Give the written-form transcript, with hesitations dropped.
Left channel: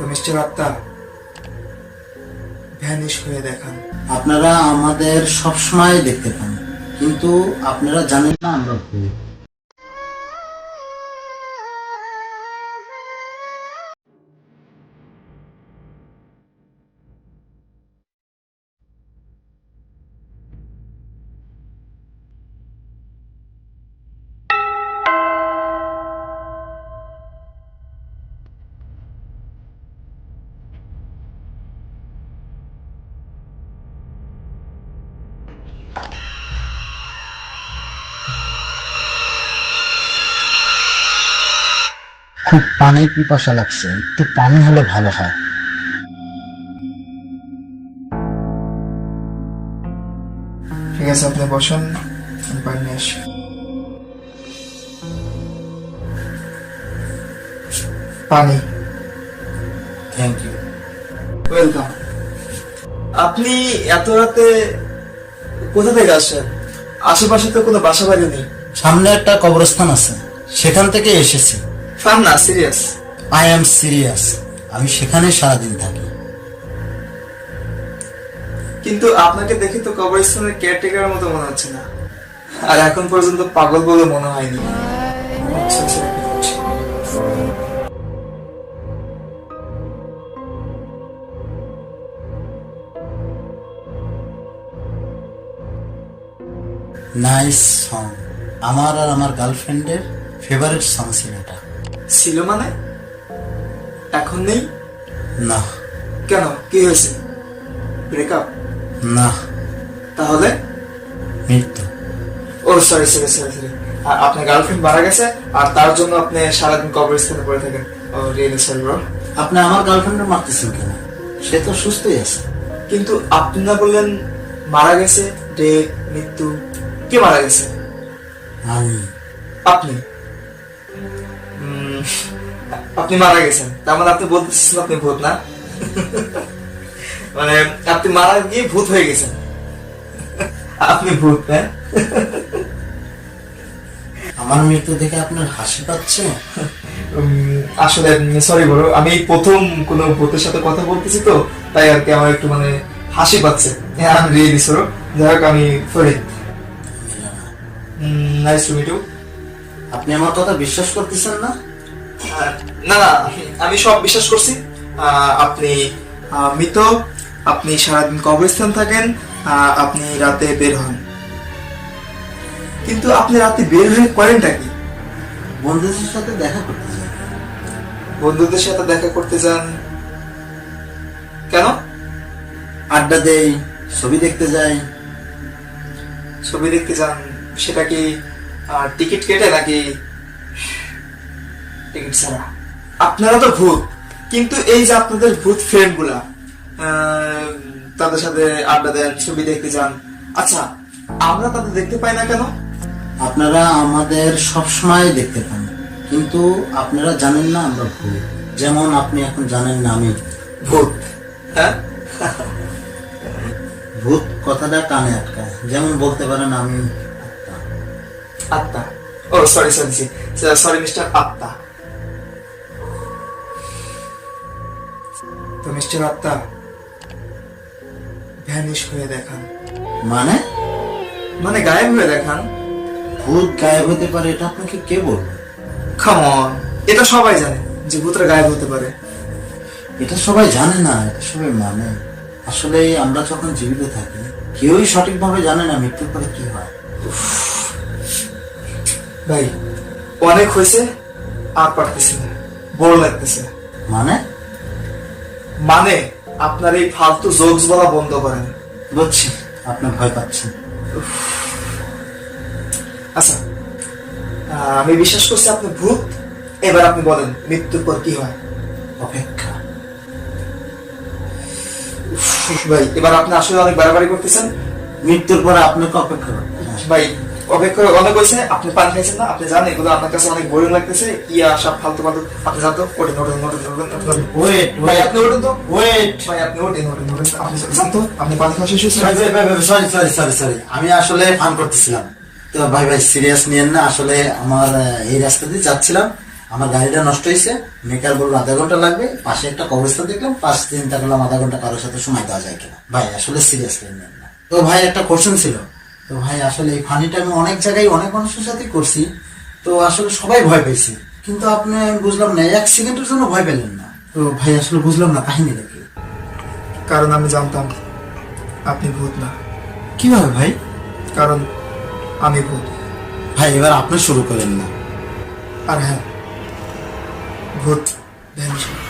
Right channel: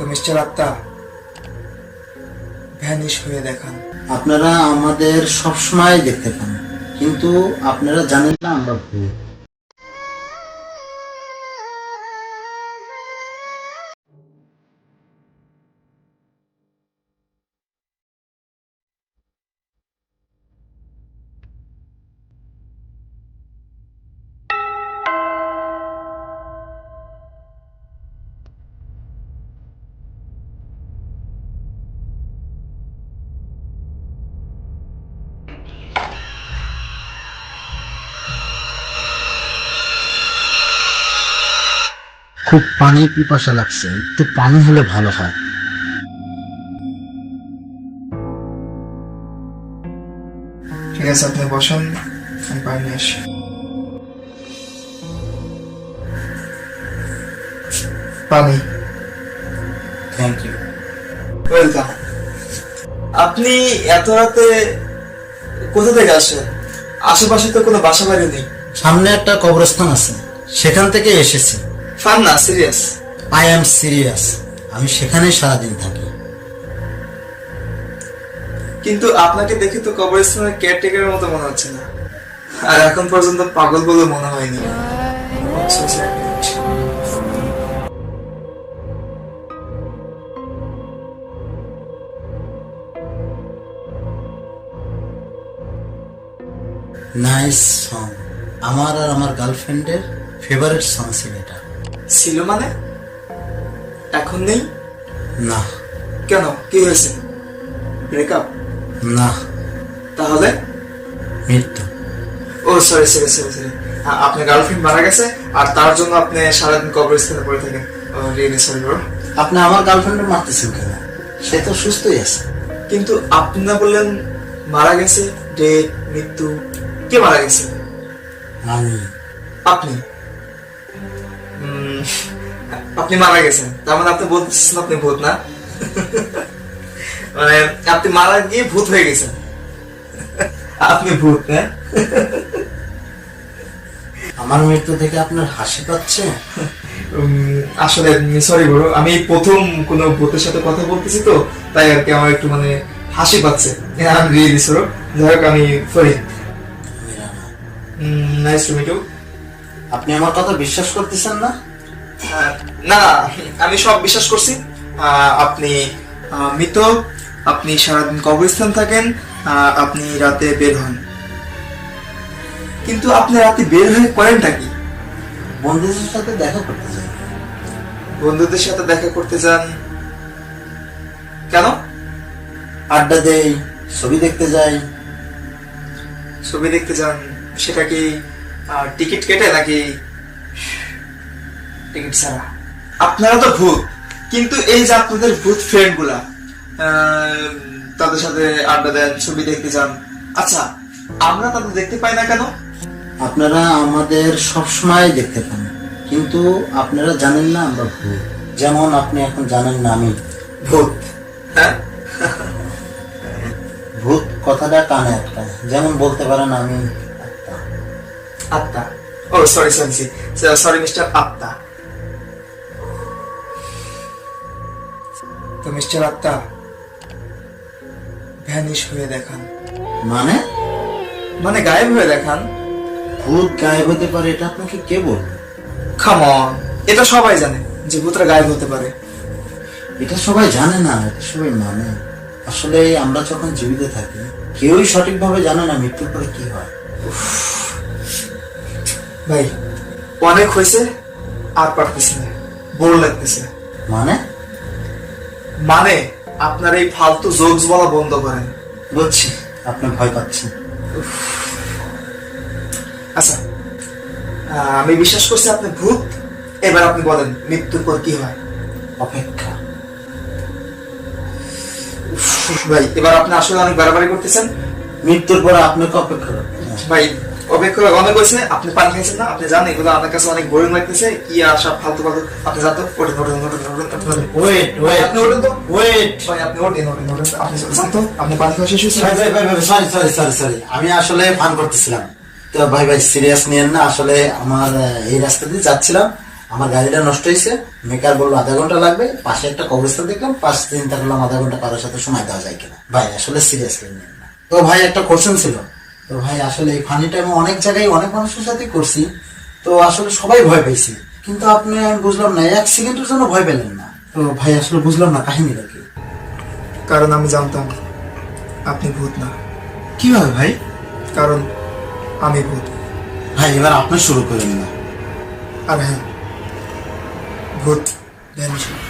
তো মিস্টার আত্মা ভ্যানিশ হয়ে দেখান। আপনারা আমাদের সবসময় দেখতে পান, কিন্তু আপনারা জানেন না আমরা ভূত। খুব পানির পিপাসা লাগছে, একটু পানি হলে ভালো হয়। ঠিক আছে, আপনি বসুন, আমি পানি নিয়ে আসি। পানি। Thank you. ওয়েলকাম। আপনি এত রাতে কোথা থেকে আসছেন? আশেপাশে তো কোনো বাসা বাড়ি নেই। সামনে একটা কবরস্থান আছে, সেখান থেকে এসেছি। ফান না, সিরিয়াস। I am serious. আমি সেখানে সারাদিন থাকি। কিন্তু আপনাকে দেখে তো কবরস্থানের কেয়ারটেকারের মতো মনে হচ্ছে না, আর এখন পর্যন্ত পাগল বলে মনে হয়নি। আচ্ছা, আচ্ছা, আচ্ছা। Nice song. আমার আর আমার গার্লফ্রেন্ডের ফেভারিট সং ছিল এটা। ছিল মানে? এখন নেই? না। কেন, কি হয়েছে? ব্রেকআপ? না। তাহলে? মৃত্যু। ও সরি সরি সরি সরি, আপনার গার্লফ্রেন্ড মারা গেছে আর তার জন্য আপনি সারাদিন কবরস্থানে পড়ে থাকেন। ও রিয়েলি সরি ব্রো। আপনি আমার গার্লফ্রেন্ডের মারতেছেন কেন? সে তো সুস্থই আছে। কিন্তু আপনি না বললেন মারা গেছে, ডেথ, মৃত্যু। কে মারা গেছে? আমি। আপনি? আপনি মারা গেছেন, তার মানে আপনি বলতেছেন আপনি ভূত না? মানে আপনি মারা গিয়ে ভূত হয়ে গেছেন। আপনি ভূত না? আমার মৃত্যু দেখে আপনার হাসি পাচ্ছে? আসলে সরি বলো, আমি প্রথম কোনো ভূতের সাথে কথা বলতেছি তো, তাই আর কি আমার একটু মানে হাসি পাচ্ছে। আমি রিয়েলি সরি। যাই হোক, আমি Farid. Nice to meet you. আপনি আমার কথা বিশ্বাস করতেছেন না? না না, আমি সব বিশ্বাস করছি। আপনি মৃত, আপনি সারাদিন কবরস্থান থাকেন, আপনি রাতে বের হন। কিন্তু আপনি রাতে বের হয়ে করেনটা কি? বন্ধুদের সাথে দেখা করতে চাই। বন্ধুদের সাথে দেখা করতে যান কেন? আড্ডা দেই, ছবি দেখতে যাই। ছবি দেখতে যান, সেটা কি টিকিট কেটে নাকি টিকিট ছাড়া? আপনারা তো ভূত, কিন্তু এই যে আপনাদের ভূত ফ্রেন্ড গুলা, তাদের সাথে আড্ডা দেন, ছবি দেখতে যান, আচ্ছা আমরা তাদের দেখতে পাই না কেন? আপনারা আমাদের সবসময় দেখতে পান, কিন্তু আপনারা জানেন না আমরা ভূত। যেমন আপনি এখন জানেন না আমি ভূত। হ্যাঁ, ভূত কথাটা কানে আটকায়। যেমন বলতে পারেন আমি আত্মা। ও সরি সরি সরি মিস্টার আত্মা। তো মিস্টার আত্মা ভ্যানিশ হয়ে দেখান। মানে মানে গায়েব হয়ে দেখান। ভূত গায়েব হতে পারে এটা আপনাকে কে বলবে? কাম অন, এটা সবাই জানে যে ভূতরা গায়েব হতে পারে। এটা সবাই জানে না, এটা সবাই মানে। আসলে আমরা যখন জীবিত থাকি কেউই সঠিকভাবে জানে না মৃত্যুর পরে কি হয়। ভাই অনেক হয়েছে, আর পারতেছি না, বোর লাগতেছে। মানে মানে আপনার এই ফালতু জোকস বলা বন্ধ করেন। বুঝছি আপনি ভয় পাচ্ছেন। আচ্ছা, আমি বিশ্বাস করছি আপনি ভূত। এবার আপনি বলেন মৃত্যুর পর কি হয়? অপেক্ষা। ভাই এবার আপনি আসলে অনেক বাড়াবাড়ি করতেছেন। মৃত্যুর পরে আপনাকে অপেক্ষা করতে হবে। ভাই অপেক্ষা অনেক হয়েছে, আপনি পানি খাইছেন না, আপনি জানেন এগুলো আপনার কাছে অনেক বোরিং লাগতেছে। কি আর সব ফালতু ফালতু, আপনি জানতো ওঠেন ওঠেন ওঠেন ওঠেন। ওয়েট ভাই ওয়েট আপনি ওঠেন তো, ওয়েট। ভাই আপনি ওঠেন ওঠেন ওঠেন, আপনি জানতো আপনি পানি খাওয়া শেষ হয়েছে। সরি সরি সরি সরি, আমি আসলে ফান করতেছিলাম। তো ভাই ভাই সিরিয়াস নিয়েন না। আসলে আমার এই রাস্তা দিয়ে যাচ্ছিলাম, আমার গাড়িটা নষ্ট হয়েছে, মেকার বললো আধা ঘন্টা লাগবে, পাশে একটা কবরস্থান দেখলাম, পাশ চিন্তা করলাম আধা ঘন্টা কারোর সাথে সময় দেওয়া যায় কিনা। ভাই আসলে সিরিয়াসলি নেন না। তো ভাই একটা কোশ্চেন ছিল, তো ভাই আসলে এই ফানিটা আমি অনেক জায়গায় অনেক মানুষের সাথে করছি, তো আসলে সবাই ভয় পাইছি, কিন্তু আপনি আমি বুঝলাম না, এক সেকেন্ডের জন্য ভয় পেলেন না। তো ভাই আসলে বুঝলাম না কাহিনীটা কি। কারণ আমি জানতাম আপনি ভূত না। কিভাবে ভাই? কারণ আমি ভূত। ভাই এবার আপনি শুরু করেন না। আর হ্যাঁ, ভূত ভ্যানিশ হয়।